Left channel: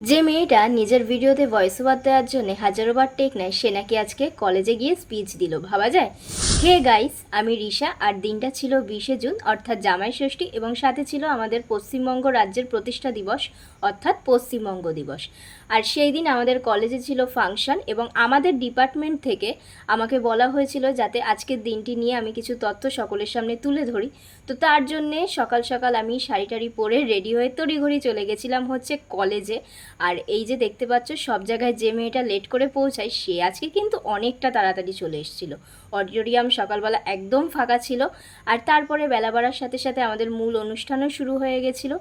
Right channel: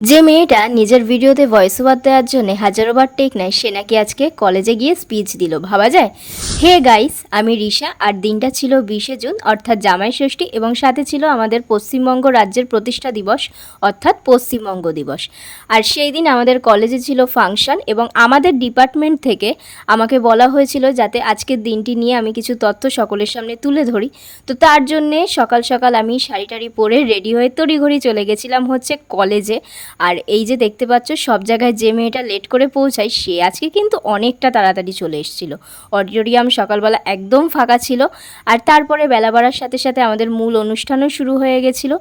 যে মেয়েটা নিজের ভিডিওতে ভয়েস ওভার দেওয়ার জন্য হাজারোবার টেক নেয় সে নাকি আজকে কলেজে গিয়ে স্পিচ দিল, ভাবা যায়। হে গাইস, আমি রিশা, আর দিনটা ছিল 20শে জুন অর্থাৎ জামাই ষষ্ঠী, এবং সাথে ছিল আমাদের পশ্চিমবঙ্গ রাজ্যের প্রতিষ্ঠা দিবস অর্থাৎ পশ্চিমবঙ্গ দিবস। আর সেই দিন আমাদের কলেজে ছিল ফাংশন, এবং আমাদের ডিপার্টমেন্ট থেকে আমাকে বলা হয়েছিল যাতে আজকের দিনটি নিয়ে আমি কিছু তথ্য সকলের সামনে তুলে ধরি। তো তার জন্যে সকাল সকাল আমি শাড়ি টাড়ি পরে রেডি হয়ে তড়িঘড়ি চলে গেছিলাম হচ্ছে কলেজে। আর এই যে দেখতে পাচ্ছ সব জায়গায় যে মেয়েটা লেট করে পৌঁছায় সে আজকে কিন্তু অনেকটা তাড়াতাড়ি চলে এসেছিল। অডিটোরিয়াম সকালবেলা একদম ফাঁকা ছিল, আর তারপরে বেলা বাড়ার সাথে সাথে আমাদের মূল অনুষ্ঠানও শুরু হয়ে গেছিল।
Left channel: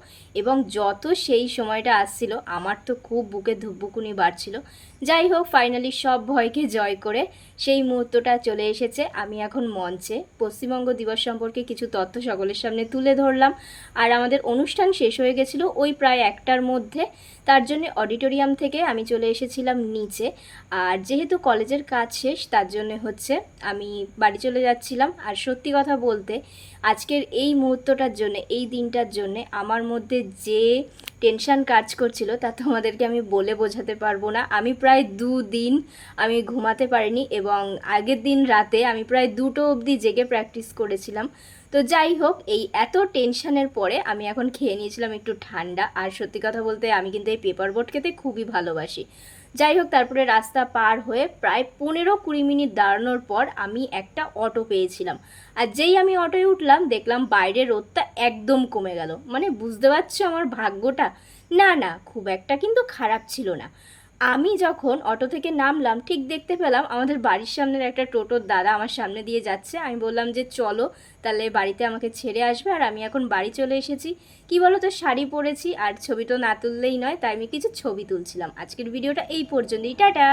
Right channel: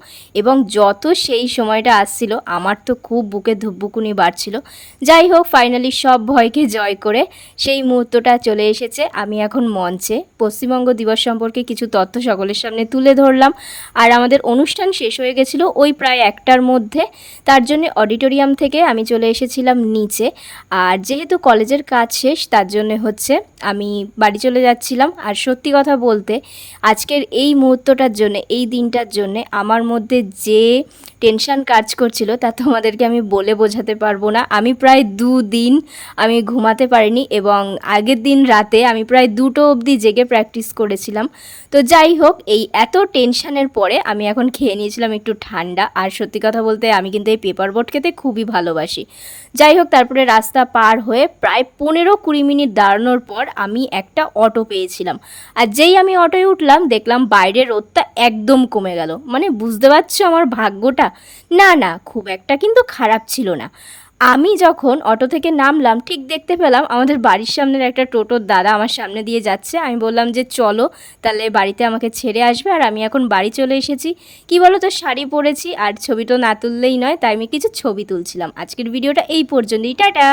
এবং যত সেই সময়টা আসছিল আমার তো খুব বুকে ধুকপুকুনি বাড়ছিল। যাই হোক, ফাইনালি সব ভয়কে জয় করে সেই মুহূর্তটা চলে এসেছে। আমি এখন মঞ্চে পশ্চিমবঙ্গ দিবস সম্পর্কে কিছু তথ্য সকলের সামনে তুলে ধরলাম। আর আমাদের অনুষ্ঠান শেষ হয়ে গেছিলো ওই প্রায় 1টার মধ্যে। তার জন্য অডিটোরিয়াম থেকে আমি চলে এসেছিলাম নিচে। আর যেহেতু কলেজের কাজ শেষ তার জন্য হচ্ছে আমি বাড়ি চলে যাচ্ছিলাম। আর সত্যি কথা বলতে আজকের এই মুহূর্তটার জন্য, এই দিনটার জন্য আমার মধ্যে যে টেনশন কাজ করছিল তা তোমাদেরকে আমি বলে বোঝাতে পারবো না। আমি প্রায় 2 দিন আমি ঘুমাতে পারিনি, এবং আগের দিন রাতে আমি প্রায় 2টো অবধি জেগে প্র্যাকটিস করেছিলাম। তো যাই হোক, এই এত টেনশনের পরে আমি এখন খেয়ে নিয়েছিলাম একটু ঠান্ডা। আর সত্যি কথা বলতে আমি কিন্তু এই পেপার বোট খেতে খুবই ভালোবাসি। যাই হোক, তারপরে রাস্তা পার হয়ে প্রায় 15-20 মিনিট দাঁড়ানোর পর আমি একটা অটো পেয়েছিলাম। আর যেই আমি অটোয় উঠলাম দেখলাম বাইরে রোদটা একদম কমে গেল। মানে বুঝতে পারছো আমার ভাগ্যটা? না না, খুব একটা কিন্তু খারাপ ছিল না। আমি যখন অটো থেকে নামলাম ঠিক দেখতে পেলাম আমাদের বাড়ির সামনের একটা টোটোর দাদা আমার সামনে দিয়ে যাচ্ছে। আমি বললাম যে চলো তাহলে বাড়িতে আমাকে ছেড়ে আসবে। আর আমি এখন বাড়ি চলে এসেছি। কি বলো তো, শাড়ি পরেছি আর ছবি তো না তুললেই নয়, তাই আমি কিছু ছবি তুলছিলাম। আজকের ভিডিওটা এই পর্যন্তই, টাটা।